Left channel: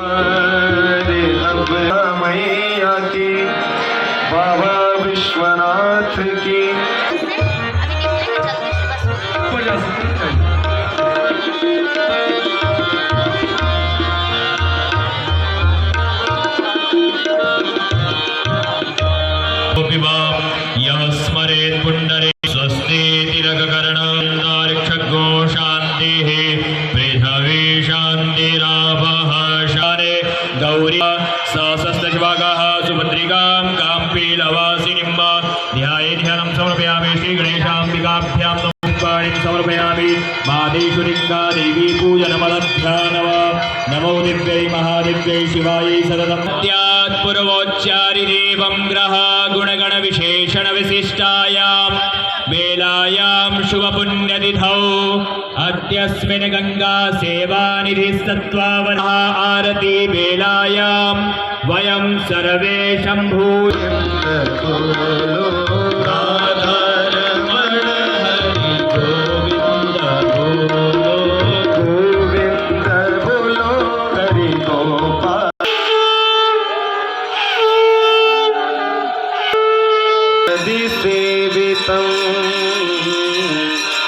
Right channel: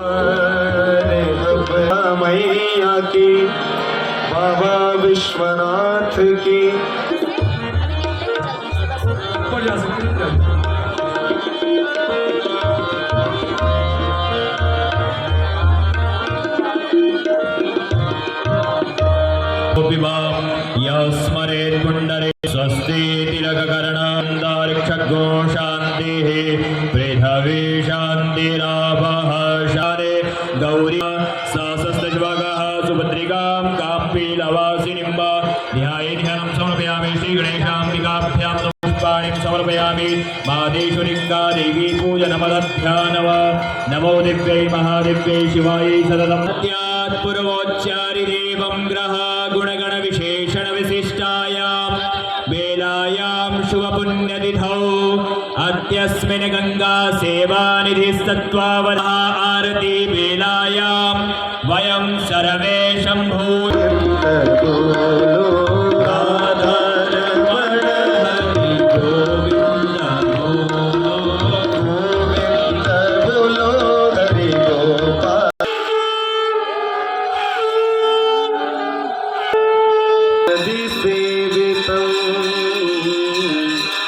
रे अब मैया की, बाबा विश्वनाथ की। स्मरेत् पुण्डरे स्वस्ति तिलककर्णान्दारिक्षगो शान्तिः पृथ्वी शान्तिरापः शारे गौरी सहस्रशिवागाः सुभद्रिकां काम्पीलवासिनीं वा ध्यायेध्यानं समर्पयामि श्रीगणेशाम्बिकाभ्यां नमस्कारिं समर्पयामि मादेश्वरिङ्गा देवी पूजनमदध्यानव नमो दिव्यै महादिव्यै शिवायै सततं पूर्वोच्चारि देवं ग्रह गुणगण विशेषण विशिष्टायां बेलायां शुभ पुण्यतिथौ अद्यस्मिन् गंगा सेवा निधि सत्त्वावना आरती बेलायां वयं सर्वे शंभू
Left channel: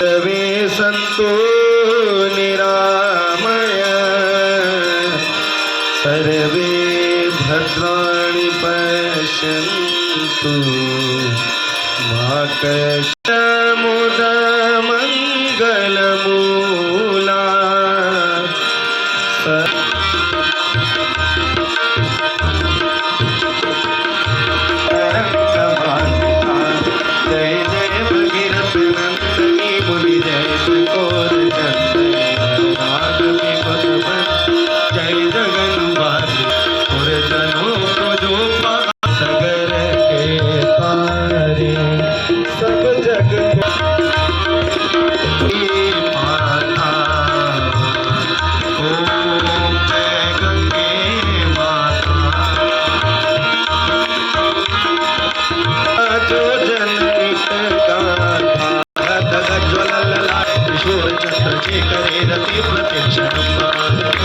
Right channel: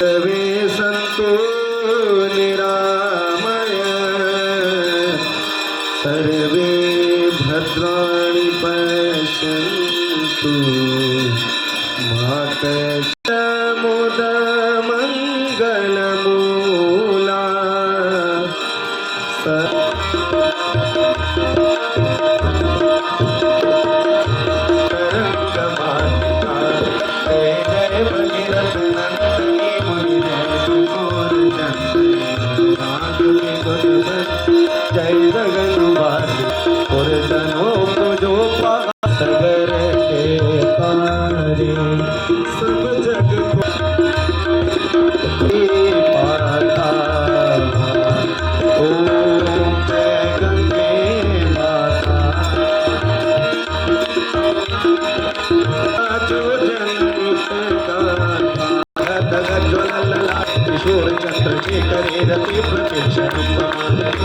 सर्वे सन्तु निरामय सर्वे भद्राणि पश्यन्तु मा कष्टमुदमङ्गलमूला जय जगन्नाथ और जनों को जो सगर के तारे सब जग माता ओम जय गंगे माता जो जनहित गाथा किशोर चक्र के करे रति प्रतीक्षा